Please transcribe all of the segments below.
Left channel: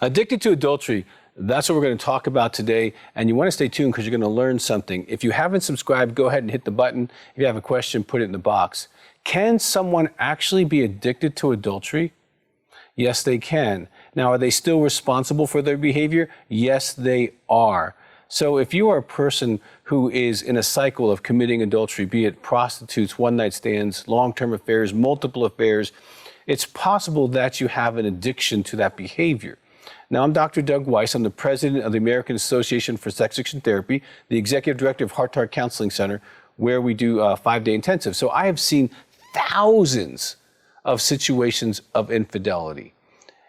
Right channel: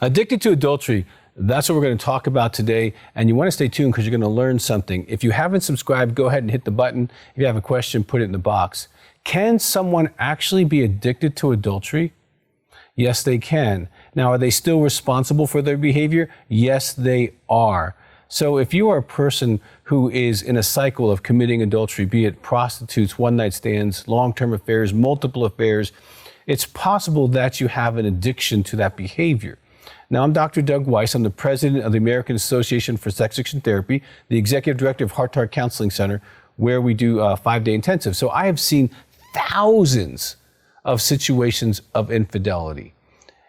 Addicted to adultery, that's what we're going to talk about today. And you want to stay tuned because you're going to learn something. If you haven't subscribed, go ahead and hit the button. If you have a question, put it in the box. Can someone actually be addicted to adultery? Yes, they can. Now, are they still responsible for their behavior? Yes, they are. So if you are a person who is in a cycle of committing adultery, be it prostitutes, one-night stands, long-term affairs, multiple affairs, it's possible that you have an addiction to that behavior. Now, I'm Dr. Doug Weiss. I'm the president of the American Association for Sex Addiction Therapy, the executive director of Heart to Heart Counseling Center, where we do 5-day intensive. So I have seen thousands of situations of infidelity,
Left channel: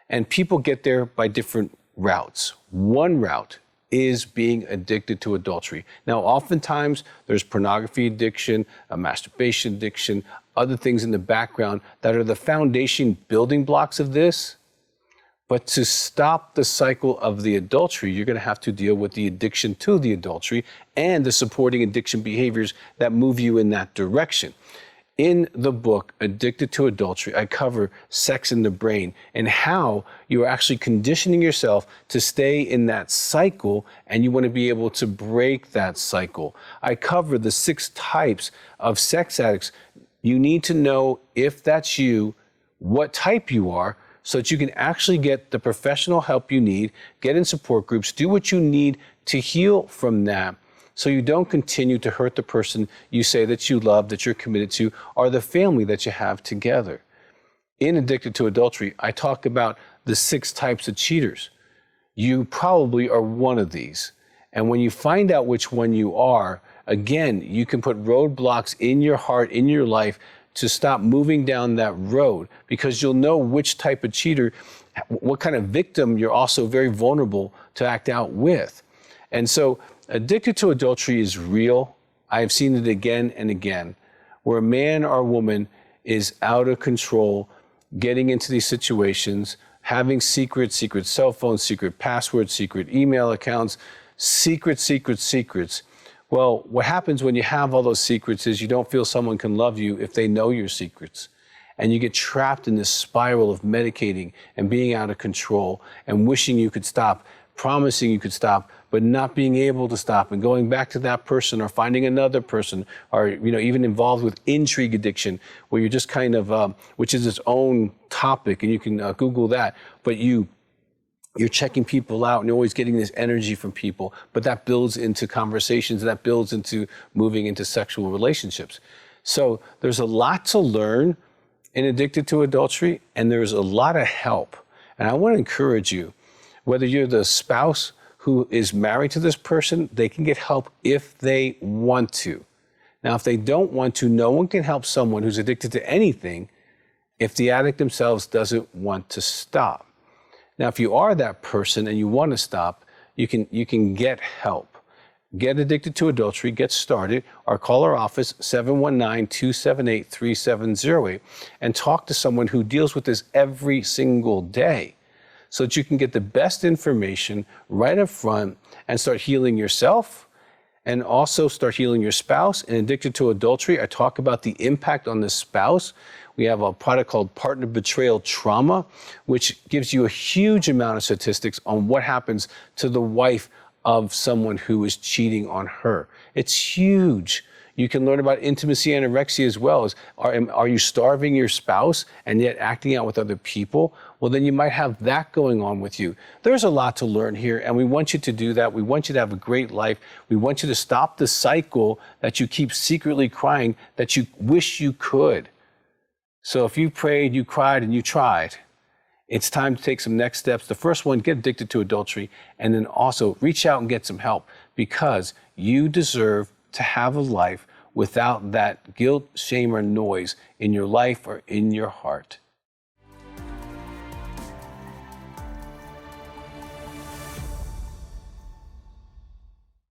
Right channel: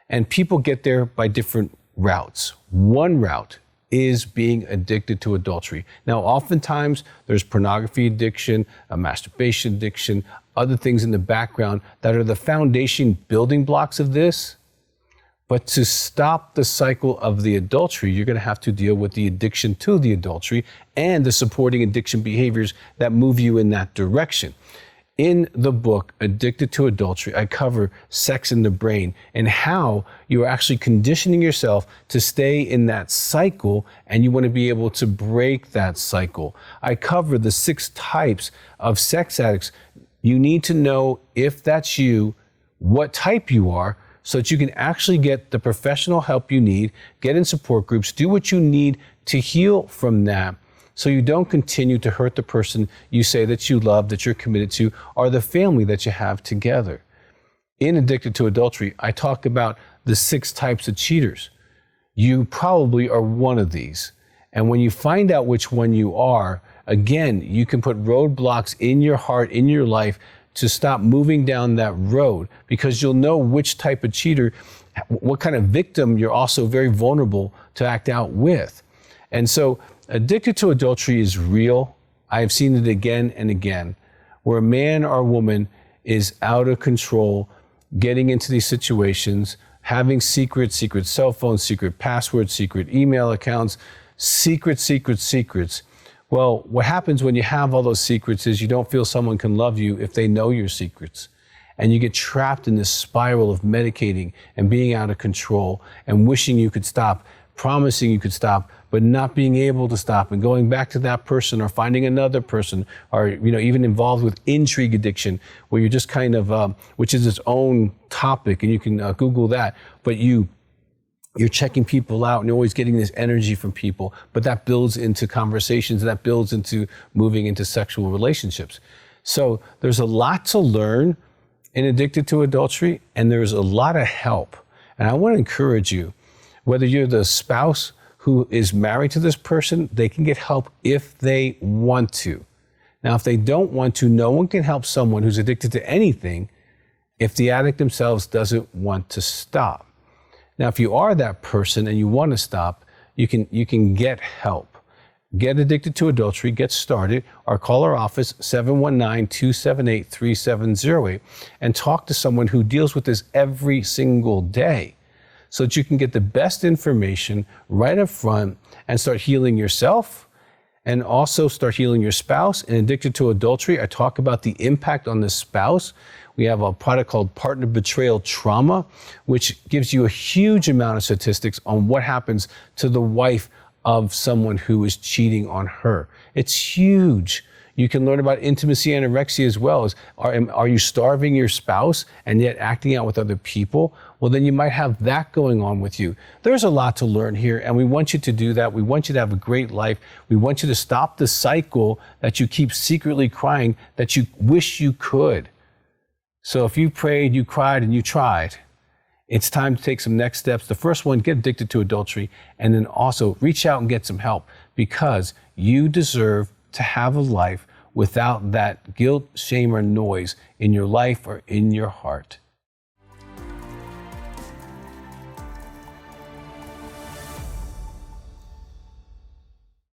and people get there by different routes. One route is being addicted to adultery. Now, oftentimes there's pornography addiction, a masturbation addiction, other things in the background that are the foundation building blocks of this. But to stop the cycle of the adultery, you're going to have to deal with the addiction to the adultery and the supporting addiction behaviors that move you in that direction. In the book, Addicted to Adultery, I cover sex in the brain and how you are actually conditioning yourself to stay in that cycle, and you want to be able to break that cycle. I cover the 6 types of sex addicts. You need to know if that's you, what type you are, so that you can actually get the professional help you need, get in support groups, do what you need to heal from that, so you don't continue to hurt the person you say that you love, that you're committed to, or the family that you have together. In Addicted to Adultery, I talk about the 6 types of cheaters. You probably are one of these. And when you find out which one you are, again, you can put roadblocks in your heart, in your life, to stop moving down that road, because you'll know which type of cheater, what kind of victim you're also very vulnerable to act out with. And so addicted to adultery is real. I have seen it again and again, where a man or a woman is out of control, getting into these situations, having secret cell phones, secret passwords, secret email accounts, secrets. Well, what happens when you have all those secrets is you don't feel someone can love you if they know your secrets. And you get trapped in this spiral of medicating and being out of control and wishing you could stop, promising you could stop, but not being able to stop, and going back to that person or finding another person, or even involved with intrigue addiction, where you're just kind of, which is its own topic, and you can Google that, but you're checking people out and you're always getting this energy from people, but that builds into conversations, that builds into moving into sexual relationships. So there's a lot to learn in Addicted to Adultery, and there's a lot of help. And I want to encourage you, whether you're the spouse who is married to this person, they can get help if they want to. Now, if they don't want to, no one can help someone who's addicted to anything if the addict themselves doesn't want to stop. Now, if you are that person and you want to stop, you can get help. Get Addicted to Adultery, get started, or call our office, 719-278-3708, and talk to someone who deals with this every single day, so that you can get the best information right up front and start healing yourself and also start healing your spouse. In Addicted to Adultery, I talk about the impact on the spouse. We have a product called Partner Betrayal Trauma, which gives you a huge amount of statistics on what happens to the wife of someone who is cheating on her. It's huge. You can learn about intimacy anorexia as well. Are you starving your spouse and yet acting out with other people? Well, then you might have that going on with you. There's a lot to learn here, and we want you to do that. We want you to have a great life. We want you to stop the cycle that you keep secretly crying that you wish you could. So if you prayed, you cried, and you tried, it's time to take some next steps. The first one, get addicted to adultery, and then also reach out and get some help, because you deserve to have a life without that guilt, shame, or noise in your life or in your heart.